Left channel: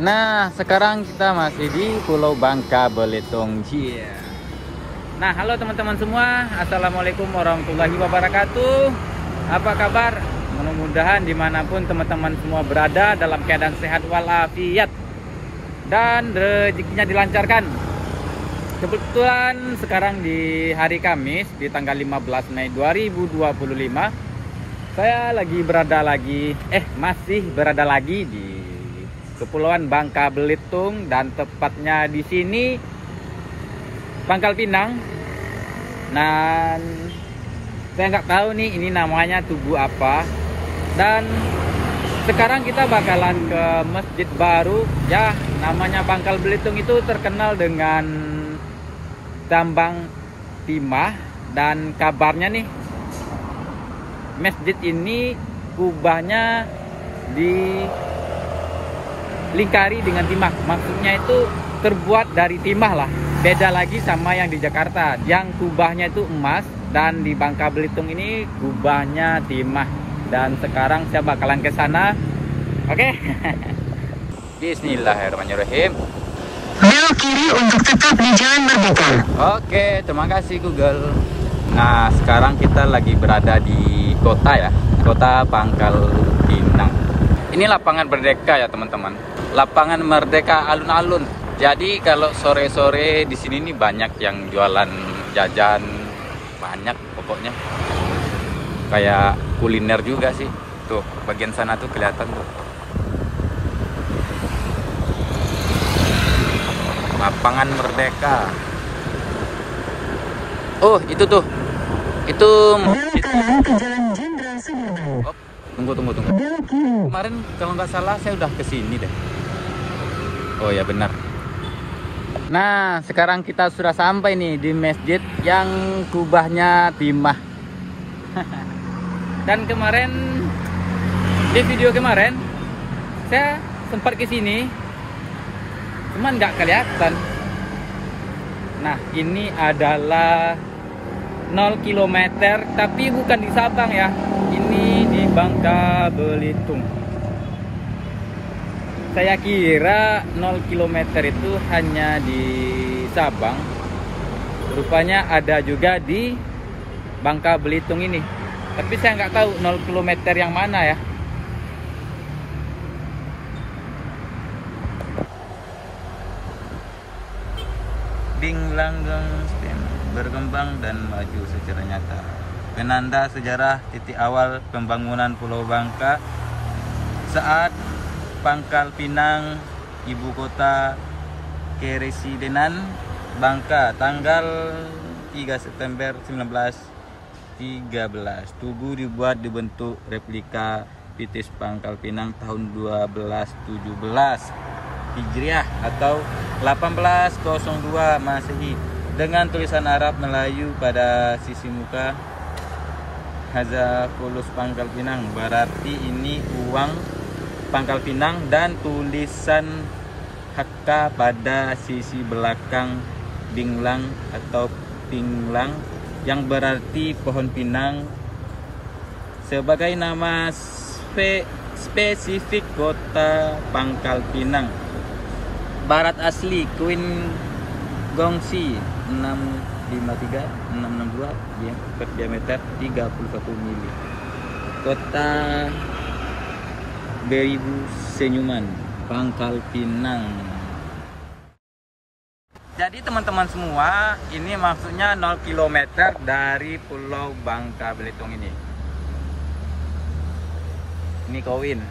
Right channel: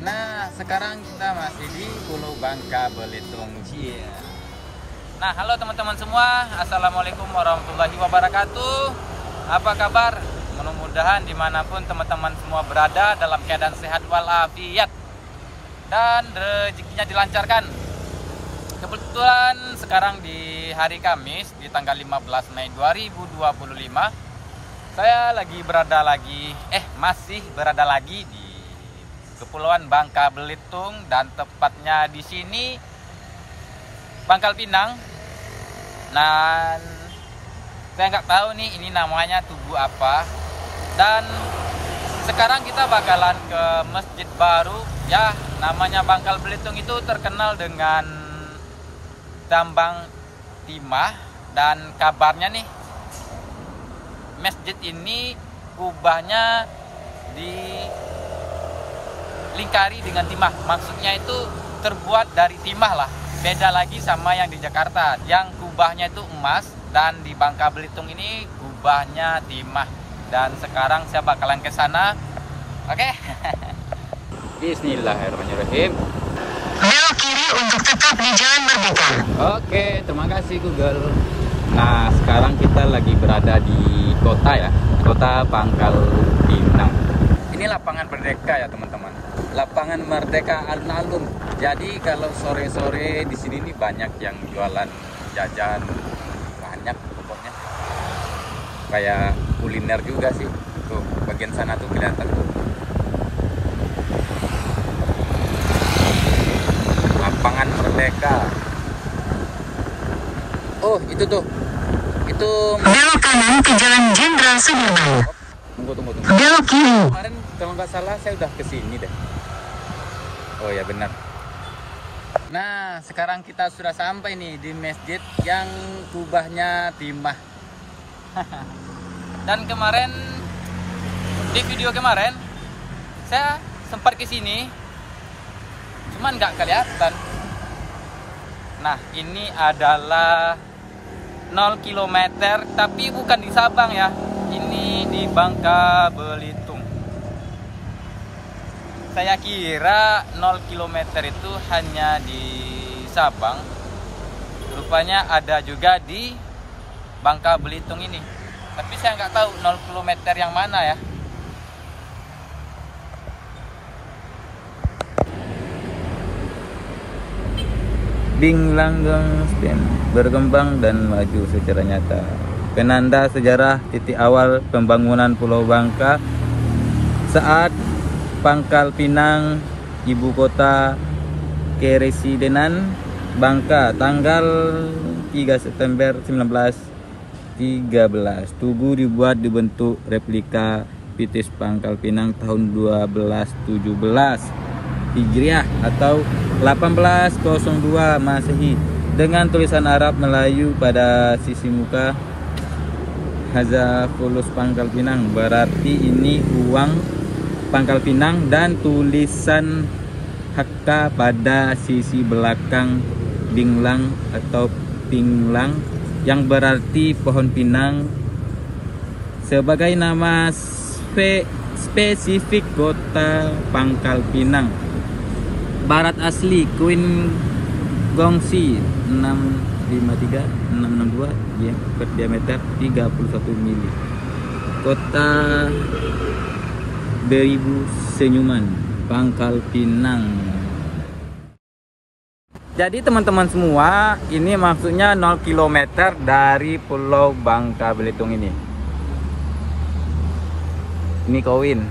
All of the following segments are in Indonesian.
Nah, sekarang kita masih di Pulau Bangka Belitung. Nah, halo teman-teman semua. Assalamualaikum warahmatullahi wabarakatuh. Apa kabar? Mudah-mudahan dimanapun teman-teman semua berada dalam keadaan sehat walafiat dan rezekinya dilancarkan. Kebetulan sekarang di hari Kamis di tanggal 15 Mei 2025 saya masih berada lagi di Kepulauan Bangka Belitung, dan tepatnya di sini Pangkal Pinang. Dan saya nggak tahu nih ini namanya tugu apa. Dan sekarang kita bakalan ke masjid baru ya, namanya Bangkal Belitung itu terkenal dengan tambang timah, dan kabarnya nih masjid ini kubahnya dilingkari dengan timah. Maksudnya itu terbuat dari timah lah. Beda lagi sama yang di Jakarta, yang kubahnya itu emas, dan di Bangka Belitung ini kubahnya timah. Dan sekarang saya bakalan ke sana. Oke. Bismillahirrahmanirrahim. Belok kiri untuk tetap di Jalan Merdeka. Oke, terima kasih Google. Nah, sekarang kita lagi berada di kota ya, kota Pangkal Pinang. Ini lapangan Merdeka ya teman-teman. Lapangan Merdeka alun-alun. Jadi kalau sore-sore di sini nih banyak yang jualan jajan, banyak pokoknya. Kayak kuliner juga sih. Tuh, bagian sana tuh kelihatan. Lapangan Merdeka. Oh, itu tuh. Itu Belok kanan ke Jalan Jenderal Sudirman. Tunggu. Belok kiri. Kemarin kalau nggak salah saya udah kesini deh. Oh ya benar. Nah, sekarang kita sudah sampai nih di masjid yang kubahnya timah. Dan kemarin di video kemarin saya sempat kesini, cuman nggak kelihatan. Nah, ini adalah 0 km, tapi bukan di Sabang ya. Ini di Bangka Belitung. Saya kira 0 km itu hanya di Sabang. Rupanya ada juga di Bangka Belitung ini. Tapi saya nggak tahu 0 km yang mana ya. Binglanggeng STEM berkembang dan maju secara nyata. Penanda sejarah titik awal pembangunan Pulau Bangka saat Pangkal Pinang, ibu kota keresidenan Bangka, tanggal 3 September 1913. Tugu dibuat dibentuk replika Pitis Pangkal Pinang tahun 1217 Hijriah atau 1802 Masehi dengan tulisan Arab Melayu pada sisi muka. Haza fulus Pangkal Pinang, berarti ini uang Pangkal Pinang, dan tulisan Hakka pada sisi belakang Binglang atau Pinglang yang berarti pohon pinang sebagai nama spesifik kota Pangkal Pinang. Barat asli Queen Gongsi 653-662 ya, berdiameter 31 mili. Kota Beribu Senyuman, Pangkal Pinang. Jadi teman-teman semua, ini maksudnya 0 km dari Pulau Bangka Belitung ini. Ini koin.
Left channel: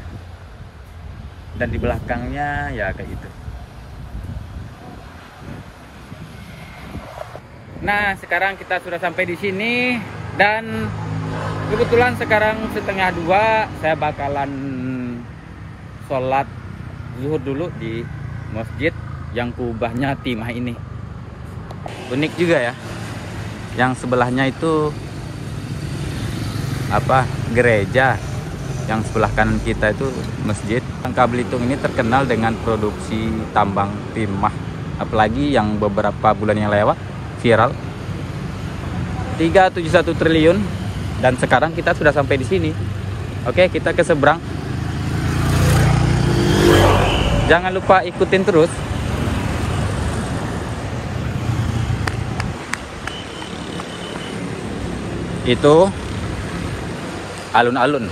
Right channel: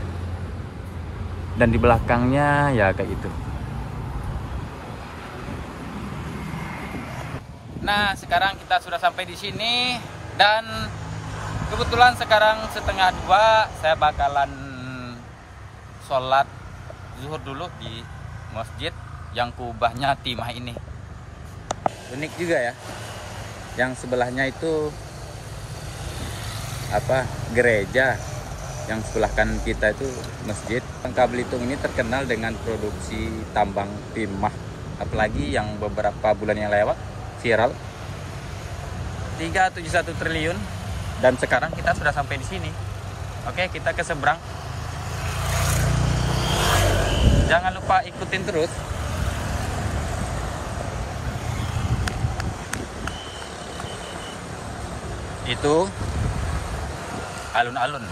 Dan di belakangnya ya kayak gitu. Nah, sekarang kita sudah sampai di sini, dan kebetulan sekarang 1:30 saya bakalan sholat zuhur dulu di masjid yang kubahnya timah ini. Unik juga ya. Yang sebelahnya itu gereja, yang sebelah kanan kita itu masjid. Bangka Belitung ini terkenal dengan produksi tambang timah, apalagi yang beberapa bulan yang lewat viral 371 triliun, dan sekarang kita sudah sampai di sini. Oke, kita ke seberang. Jangan lupa ikutin terus. Itu alun-alun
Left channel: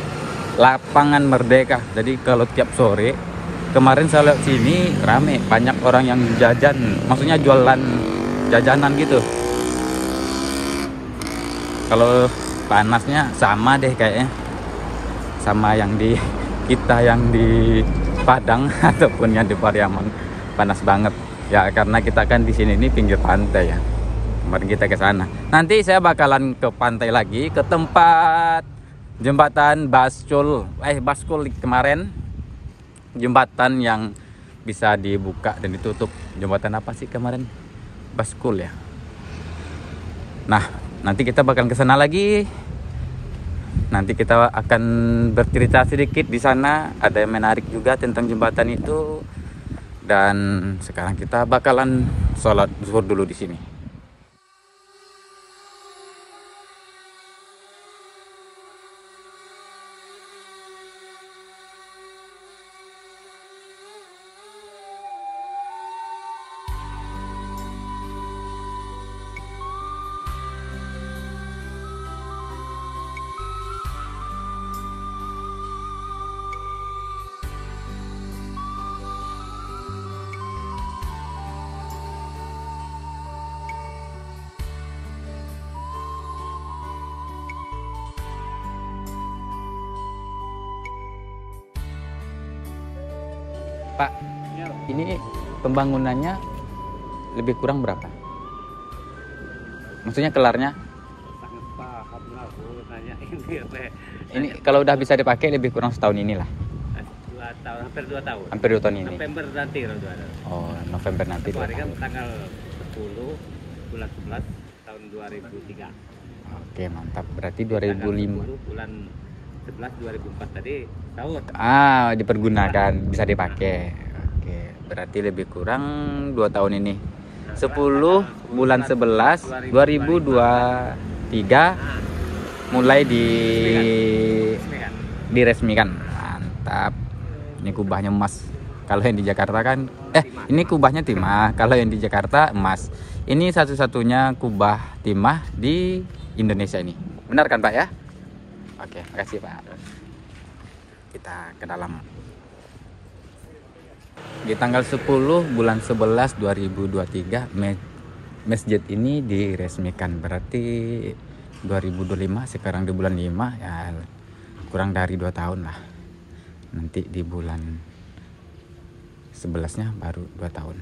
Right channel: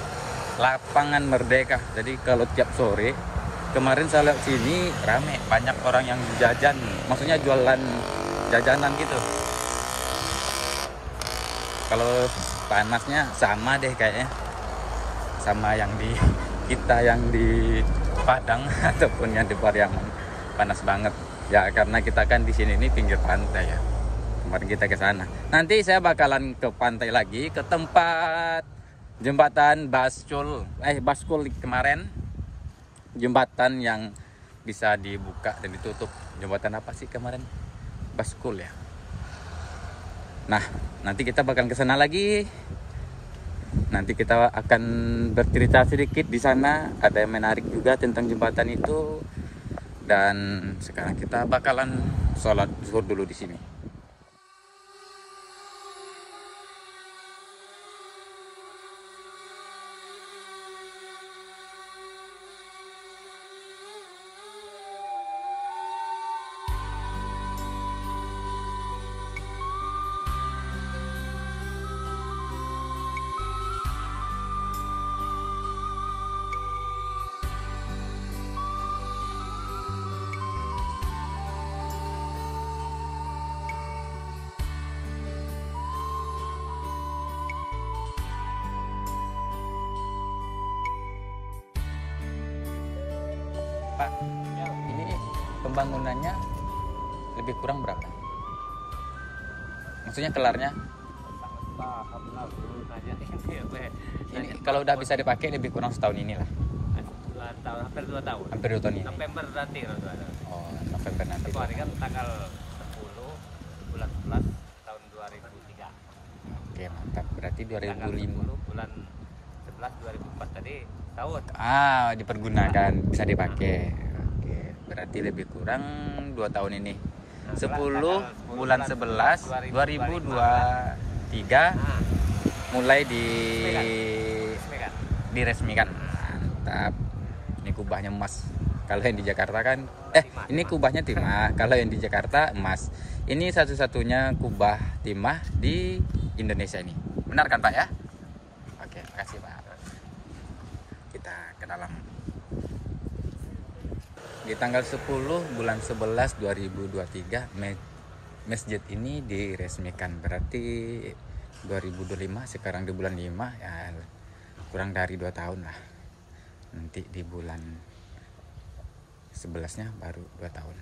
Lapangan Merdeka. Jadi kalau tiap sore, kemarin saya lihat sini rame, banyak orang yang jajan, maksudnya jualan jajanan gitu. Kalau panasnya sama deh kayaknya, sama yang di kita yang di Padang ataupun yang di Pariaman, panas banget ya, karena kita kan di sini ini pinggir pantai ya. Mari kita ke sana. Nanti saya bakalan ke pantai lagi, ke tempat jembatan Baskul kemarin, jembatan yang bisa dibuka dan ditutup. Jembatan apa sih kemarin? Baskul ya. Nah, nanti kita bakal ke sana lagi. Nanti kita akan bercerita sedikit di sana. Ada yang menarik juga tentang jembatan itu. Dan sekarang kita bakalan sholat zuhur dulu di sini. Pak, ini pembangunannya lebih kurang berapa? Maksudnya kelarnya? Ini kalau udah bisa dipakai lebih kurang setahun inilah. Hampir 2 tahun. Hampir 2 tahun ini. November nanti. Oh, November nanti. Itu hari kan tanggal 10 bulan 11 tahun 2003. Oke, mantap. Berarti 2005. 10 bulan 11 2004 tadi tahun. Dipergunakan, bisa dipakai. Oke, berarti lebih kurang 2 tahun ini. 10 bulan 11 2023 mulai diresmikan. Mantap. Ini kubahnya emas. Kalau yang di Jakarta kan ini kubahnya timah. Kalau yang di Jakarta emas. Ini satu-satunya kubah timah di Indonesia ini. Benar kan, Pak ya? Oke, makasih, Pak. Kita ke dalam. Di tanggal 10 bulan 11 2023 masjid ini diresmikan. Berarti 2025, sekarang di bulan 5 ya, kurang dari 2 tahun lah. Nanti di bulan 11-nya baru 2 tahun.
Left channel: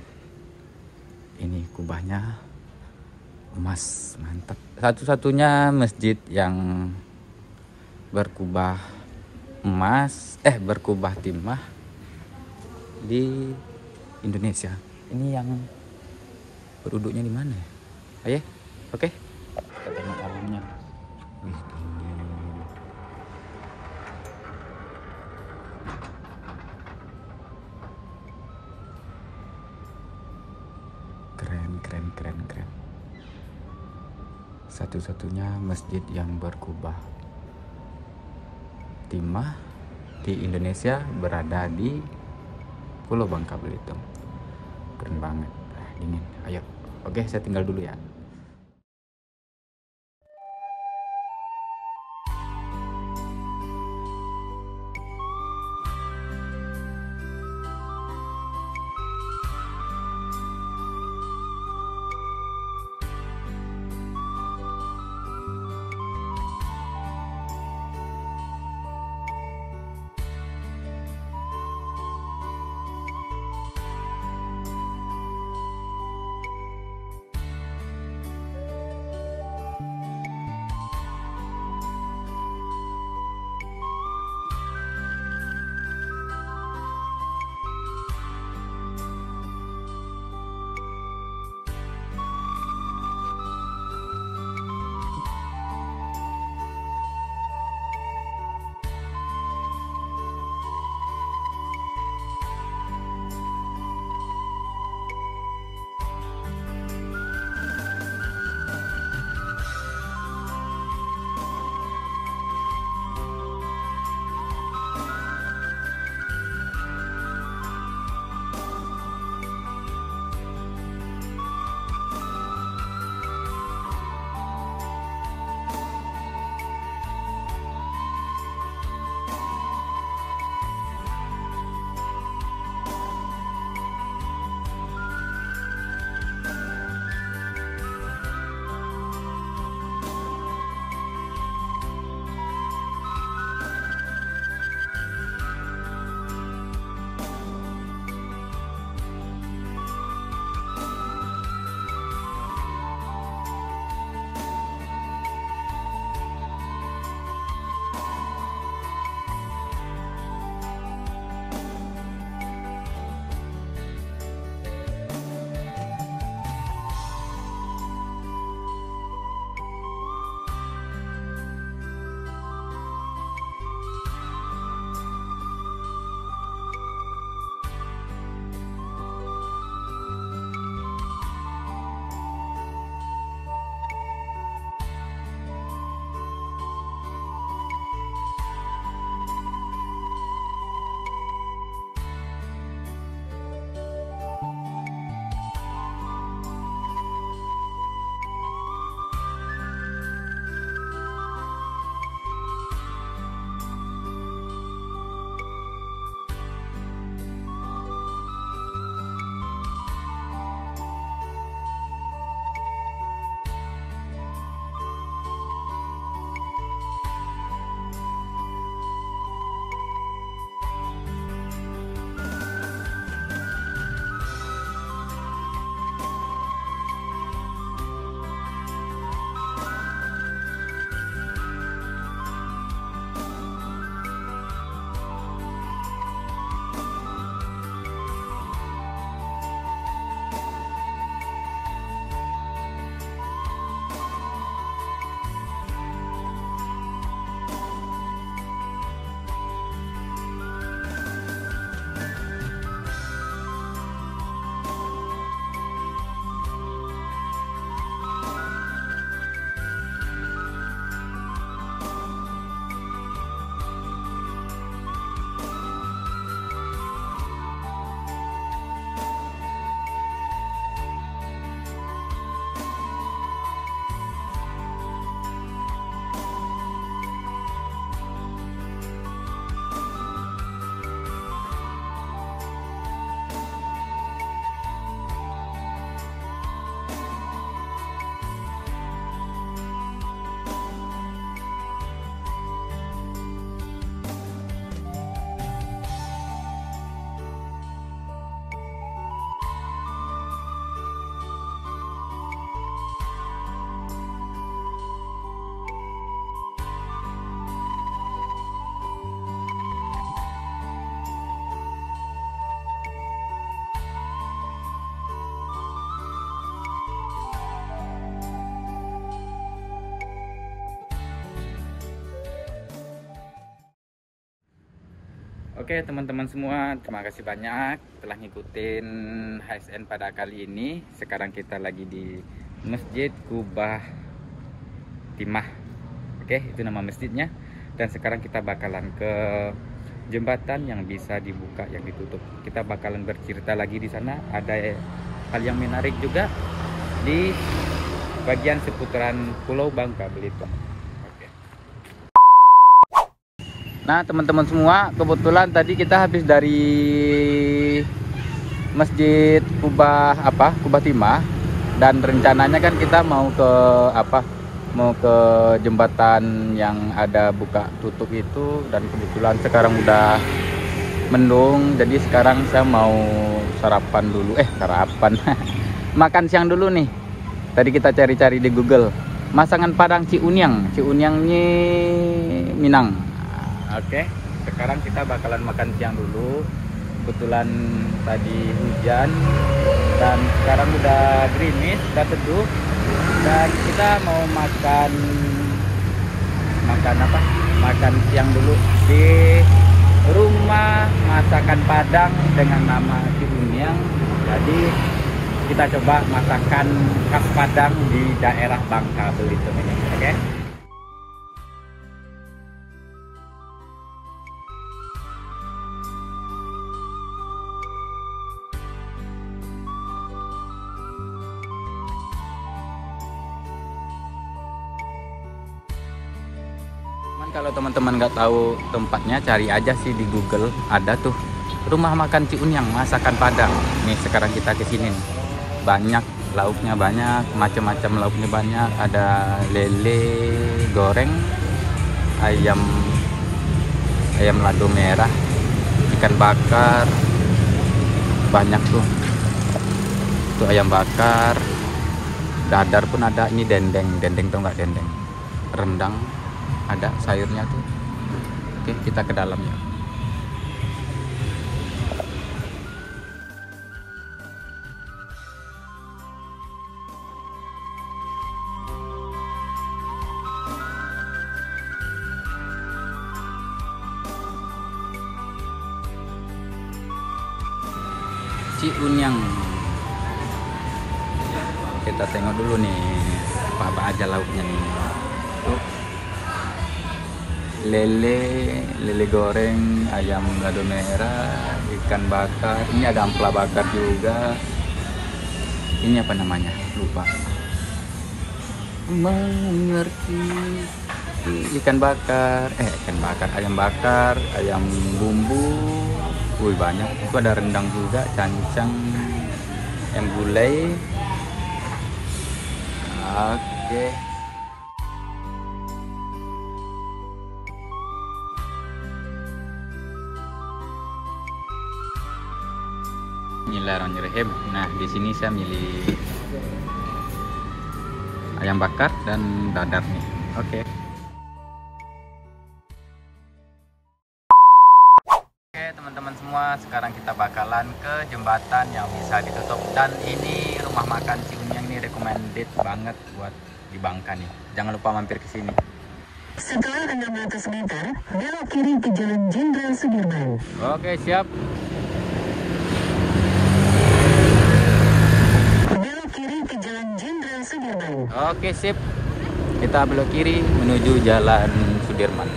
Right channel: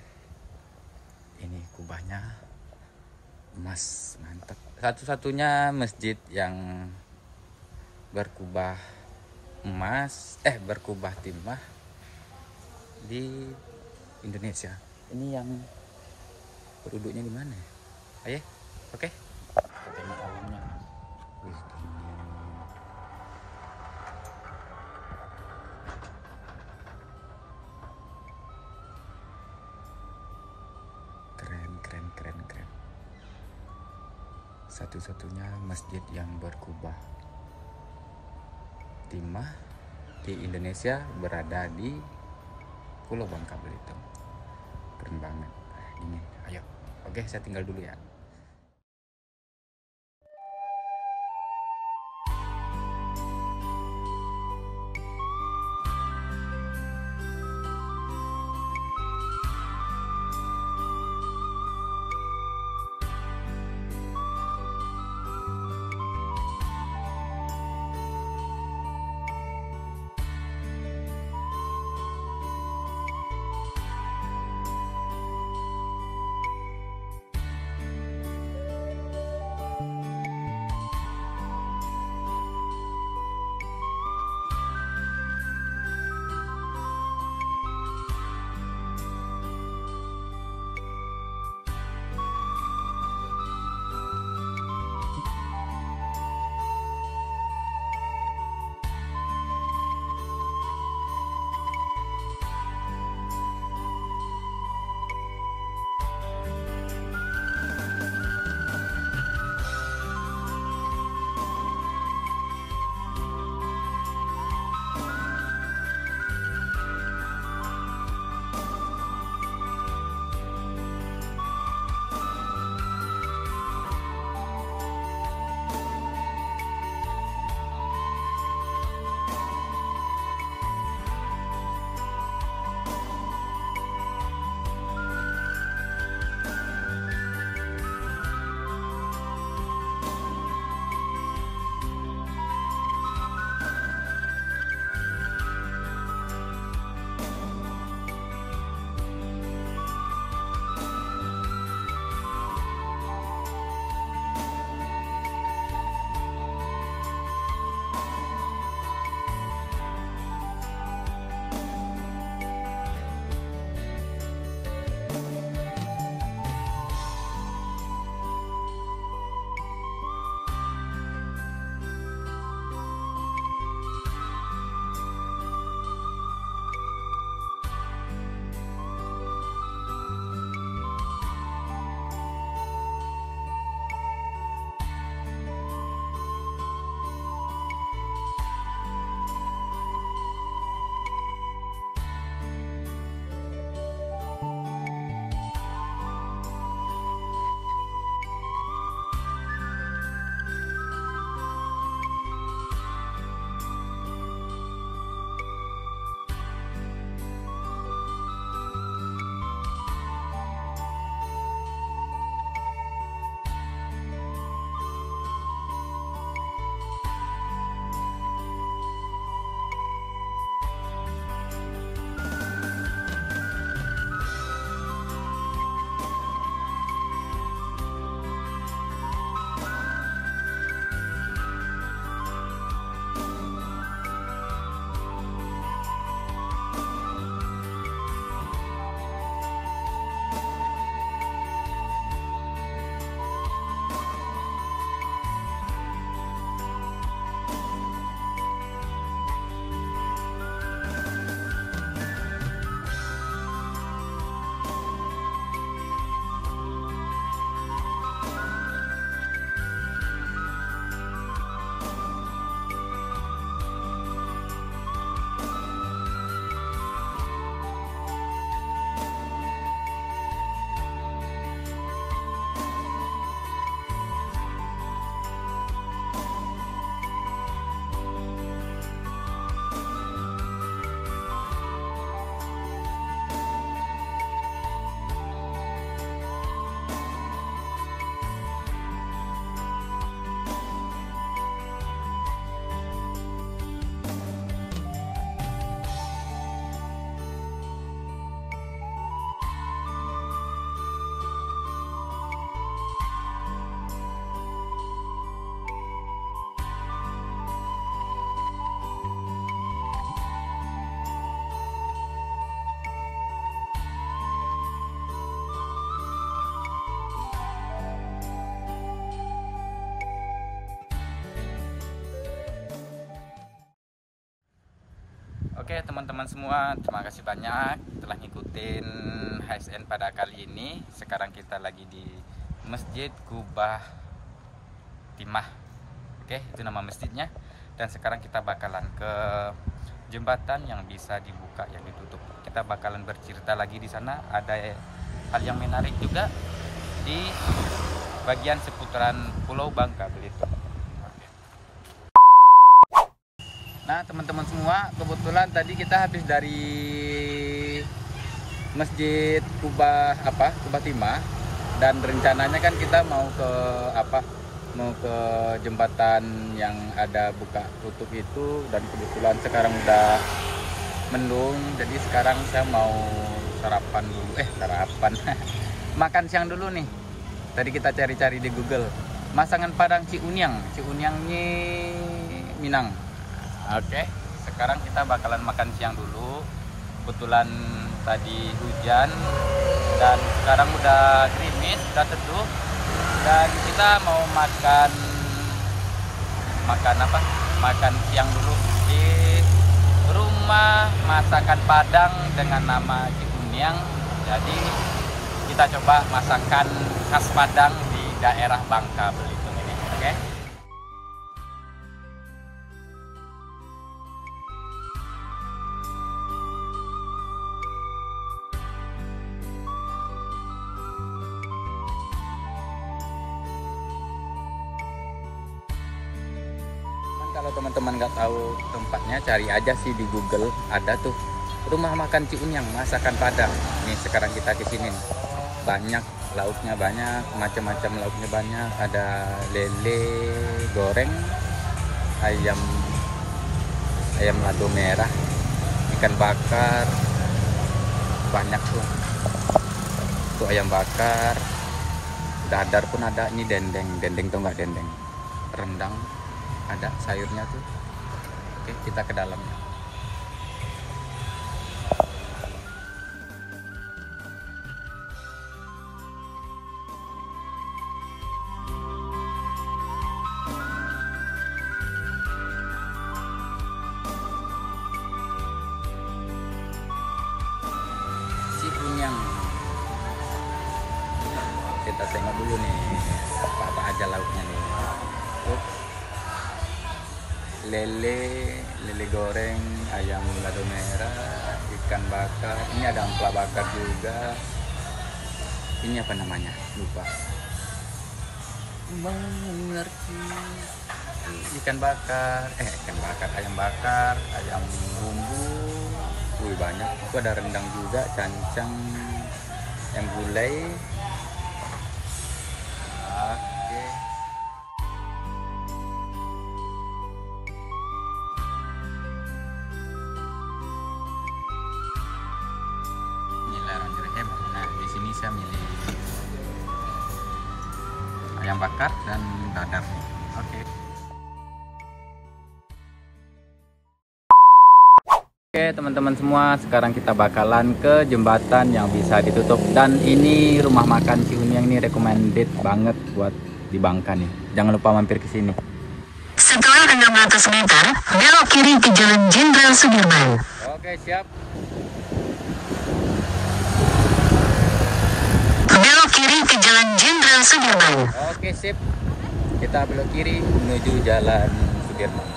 Ini kubahnya emas, mantap. Satu-satunya masjid yang berkubah emas, berkubah timah di Indonesia. Ini yang penduduknya di mana ya? Ayo, oke. Kita tengok dalamnya. Keren. Satu-satunya masjid yang berkubah timah di Indonesia berada di Pulau Bangka Belitung. Keren banget. Dingin. Ayo. Oke, saya tinggal dulu ya. Oke teman-teman semua, terima kasih banyak telah ngikutin HSN pada kali ini. Sekarang kita lagi di Masjid Kubah Timah. Oke, itu nama masjidnya. Dan sekarang kita bakalan ke jembatan yang bisa dibuka, yang ditutup. Kita bakalan bercerita lagi di sana. Ada hal yang menarik juga di bagian seputaran Pulau Bangka Belitung. Nah teman-teman semua, kebetulan tadi kita habis dari Masjid Kubah Timah, dan rencananya kan kita mau ke jembatan yang ada buka tutup itu, dan kebetulan sekarang udah mendung, jadi sekarang saya mau sarapan dulu, makan siang dulu nih. Tadi kita cari-cari di Google, masangan Padang Ciuniang ini Minang. Oke, sekarang kita bakalan makan siang dulu. Kebetulan tadi hujan dan sekarang udah gerimis, udah teduh, dan kita mau makan siang dulu di rumah masakan Padang dengan nama Ciuniang. Jadi kita coba masakan khas Padang di daerah Bangka Belitung ini. Oke. Kalau teman-teman nggak tahu tempatnya, cari aja sih di Google. Ada tuh rumah makan Ciuniang masakan Padang. Nih sekarang kita kesini nih. Banyak lauknya, banyak macam-macam lauknya, banyak. Ada lele goreng, ayam lado merah, ikan bakar, banyak tuh. Tuh ayam bakar, dadar pun ada. Ini dendeng tuh nggak dendeng, rendang. Ada sayurnya. Oke, kita ke dalam ya. Ciuniang. Kita tengok dulu nih apa aja lauknya nih. Lele goreng, ayam lado merah, ikan bakar. Ini ada ampela bakar juga. Ini apa namanya? Lupa. Mengerti. Ikan bakar, ayam bakar, ayam bumbu. Wih banyak. Itu ada rendang juga, cancang, ayam gulai. Oke. Bismillahirrahmanirrahim. Nah, di sini saya milih ayam bakar dan dadar nih. Oke. Oke, teman-teman semua, sekarang kita bakalan ke jembatan yang bisa ditutup, dan ini rumah makan Ciuniang ini recommended banget buat di Bangka nih. Jangan lupa mampir ke sini. Setelah 600 meter, belok kiri ke Jalan Jenderal Sudirman. Oke, siap. Belok kiri ke Jalan Jenderal Sudirman. Oke, sip. Kita belok kiri menuju Jalan Sudirman.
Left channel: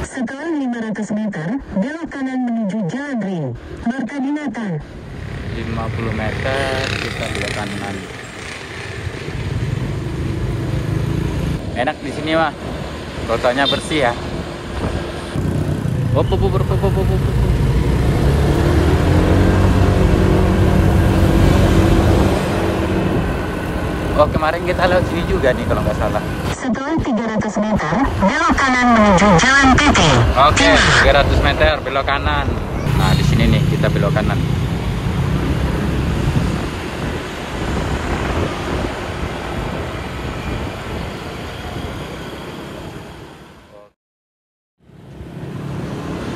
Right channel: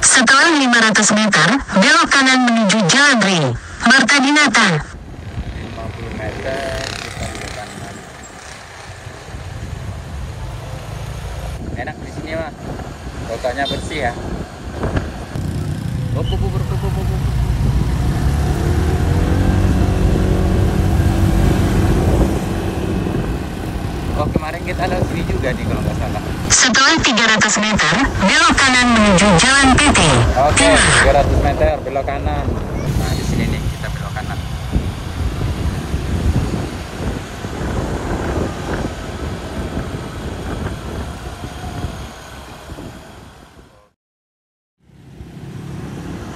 Setelah 500 meter, belok kanan menuju Jalan Ring Marta Dinata. 50 meter kita belok kanan. Enak di sini mah, kotanya bersih ya. Oh, kemarin kita lewat sini juga nih kalau nggak salah. Setelah 300 meter, belok kanan menuju Jalan PT. Oke, 300 meter belok kanan. Nah, di sini nih kita belok kanan.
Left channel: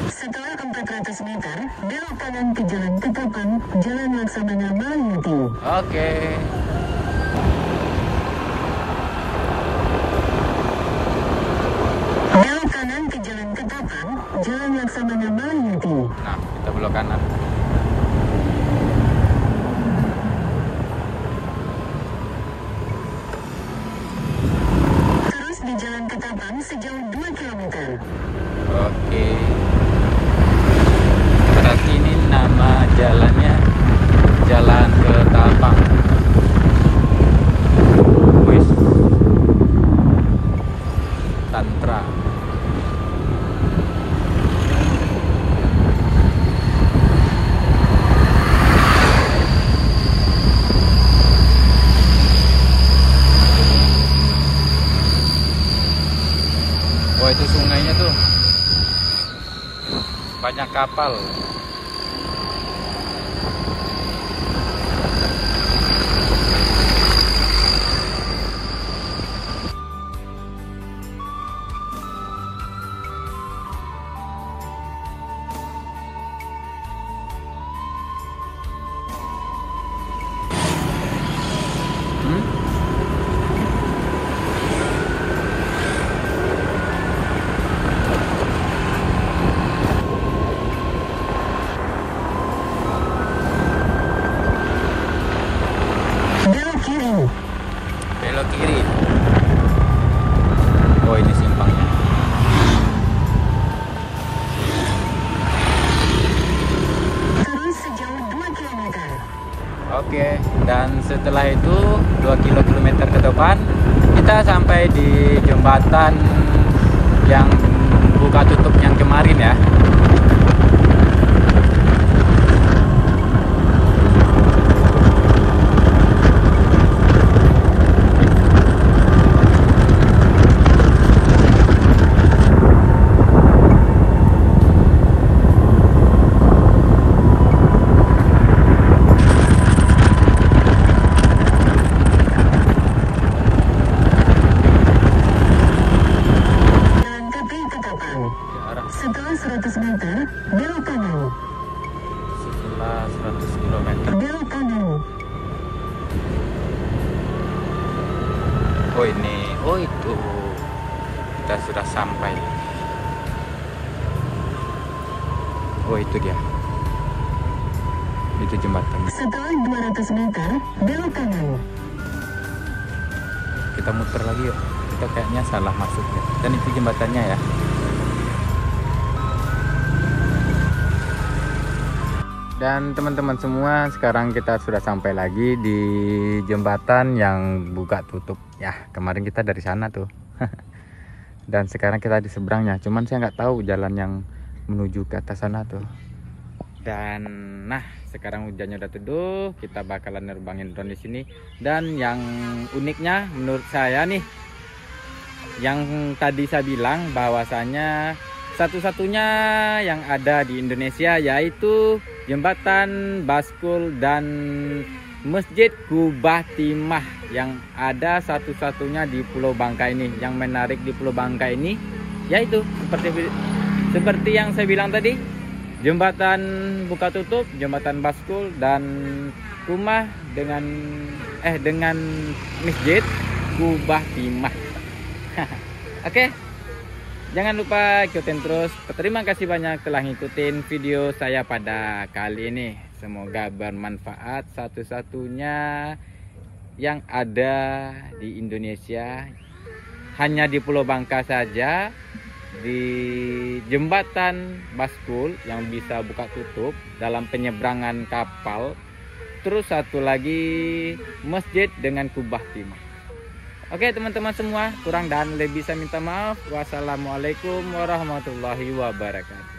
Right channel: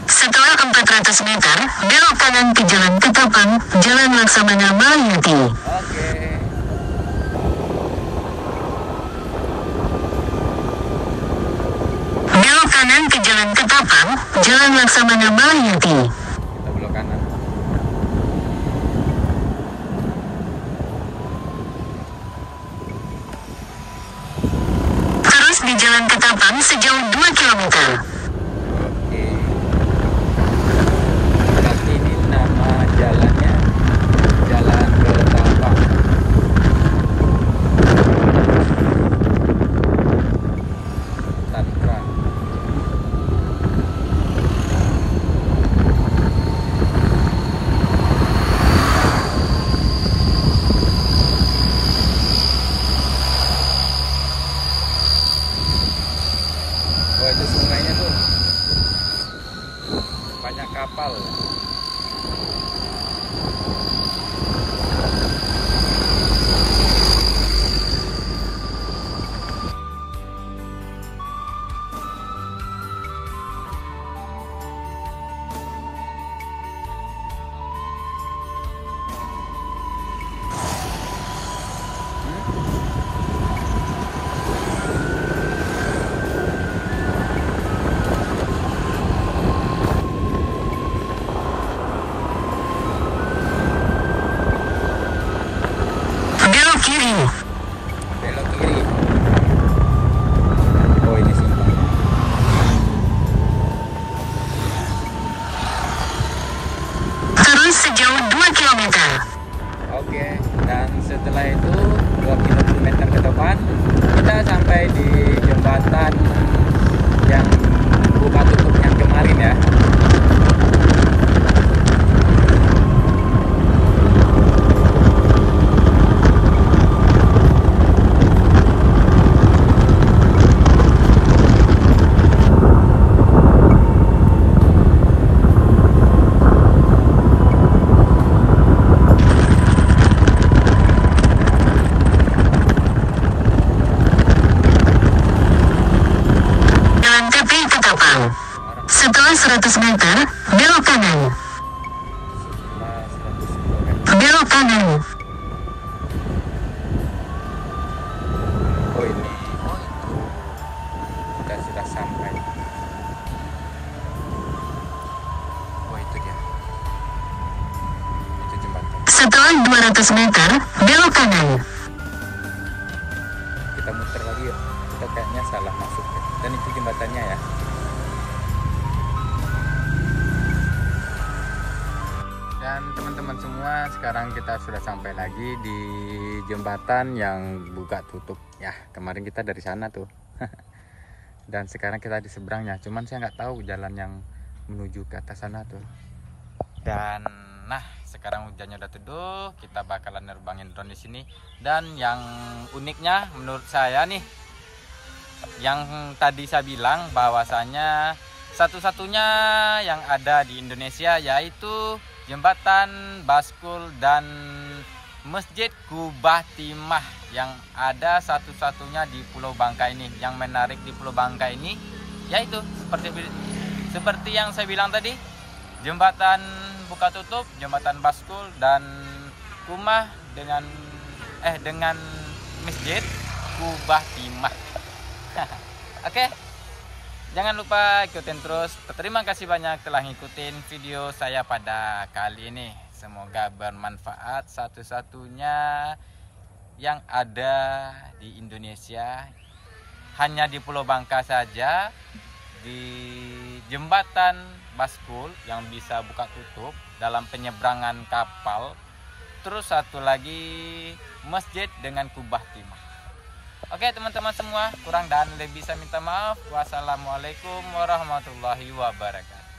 Setelah 400 meter, belok belok kanan ke Jalan Ketapang, Jalan Laksamana Malayuti. Oke. Belok kanan ke Jalan Ketapang, Jalan Laksamana Malayuti. Nah, kita belok kanan. Terus di Jalan Ketapang sejauh 2 km. Oke. Berarti ini nama jalannya Jalan Ketapang. Tantra. Oh, itu sungainya tuh. Banyak kapal. Belok kiri. Belok kiri. Oh, ini simpangnya. Terus sejauh 2 km. Oke, dan setelah itu 2 km ke depan kita sampai di jembatan yang buka tutup yang kemarin ya. Jalan tepi Ketapang. Setelah 100 meter, belok kanan. Setelah 100 km. Belok kanan. Oh, ini. Oh, itu. Kita sudah sampai. Oh, itu dia. Itu jembatan. Setelah 200 meter, belok kanan. Kita muter lagi yuk. Kita kayaknya salah masuk. Dan itu jembatannya ya. Dan teman-teman semua, sekarang kita sudah sampai lagi di jembatan yang buka tutup ya. Kemarin kita dari sana tuh. Dan sekarang kita di seberangnya. Cuman saya nggak tahu jalan yang menuju ke atas sana tuh. Dan nah, sekarang hujannya udah teduh, kita bakalan nerbangin drone di sini. Dan yang uniknya menurut saya nih, yang tadi saya bilang bahwasanya satu-satunya yang ada di Indonesia yaitu jembatan Baskul dan Masjid Kubah Timah yang ada satu-satunya di Pulau Bangka ini. Yang menarik di Pulau Bangka ini yaitu seperti yang saya bilang tadi, jembatan buka tutup, jembatan Baskul dan rumah dengan Masjid Kubah Timah. Oke. Jangan lupa ikutin terus. Terima kasih banyak telah ngikutin video saya pada kali ini. Semoga bermanfaat, satu-satunya yang ada di Indonesia, hanya di Pulau Bangka saja, di jembatan Baskul yang bisa buka tutup dalam penyeberangan kapal. Terus satu lagi masjid dengan kubah timah. Oke teman-teman semua, kurang dan lebih saya minta maaf. Wassalamualaikum warahmatullahi wabarakatuh.